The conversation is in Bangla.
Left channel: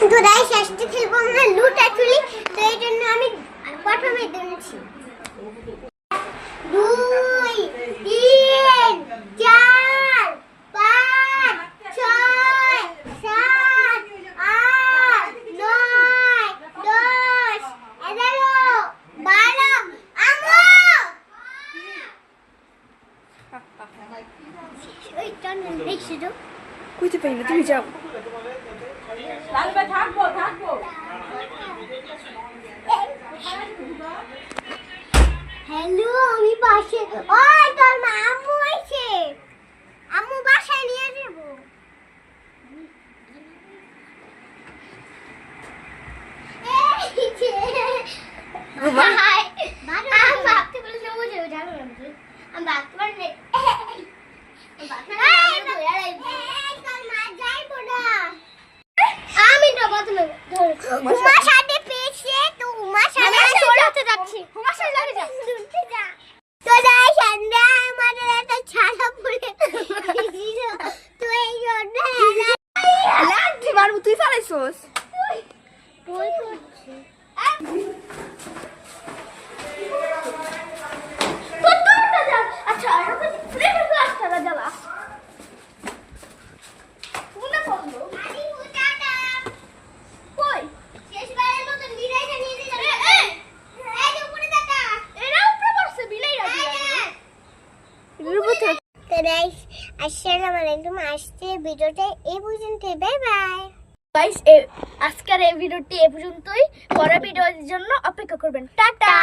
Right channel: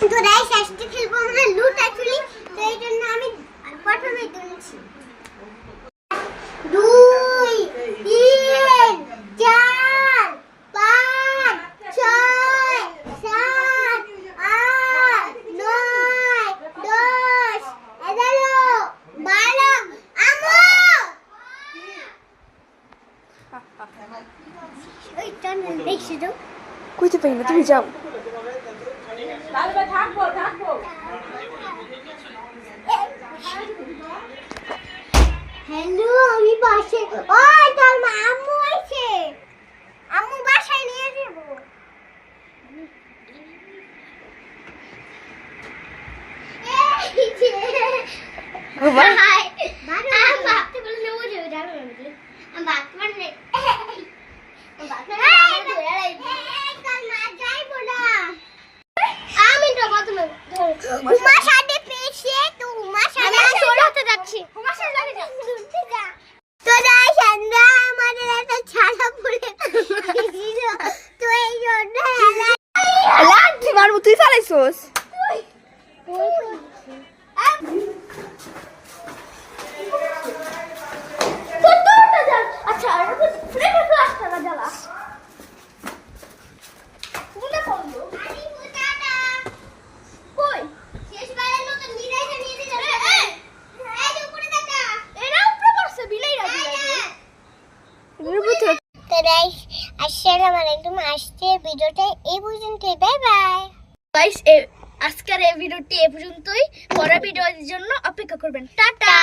তো গাইস আজকে খেলবো আমরা লুটাচুরি। তো এই জন্য আমি প্রথমে দিচ্ছি 2 3 4 5 6 7 8 9 10 11 12 আমো ওই টান দেখছি তো কইতে পারি না, তুমি যাও। হ্যালো, আমি পাশে। ওই তোর মা আম্মু আইছে, আম্মু বাসায় নিয়ে যাব। এই যে ঘুমা হাই বারো বাপতে বলে নেবো যে জানো না আমি বাত মানে আমি তো প্রথমে উমার সাথে পেয়েছে, তো উমার সাথে আমি সরাতে যাচ্ছি। উমার সাথে যা তো যাই সন্ধ্যা আমাদের একটা ছাড়া পড়ে ছিল, তো এই জন্য লাঠি মারবো, তুই ফালাইছস। বই করছি তো তোরটা যা। আচ্ছা আর তো ফ্রেন্ড ক্লাস করা যাবা কোনটা বন্ধু আরে বুটাটা কই শেষবারের মত বিড়াইটা নিয়ে দিল। এই যে উপরে দেখা এরা উপরে বসে বিড়াইরা রুবত তো গাইস আসসালামু আলাইকুম। আজকের ভিডিওটা এই পর্যন্তই, বাই বাই গাইস। আজকের এই ভিডিওটি এই পর্যন্তই, পরের ভিডিওর জন্য অপেক্ষা করবেন। টাটা।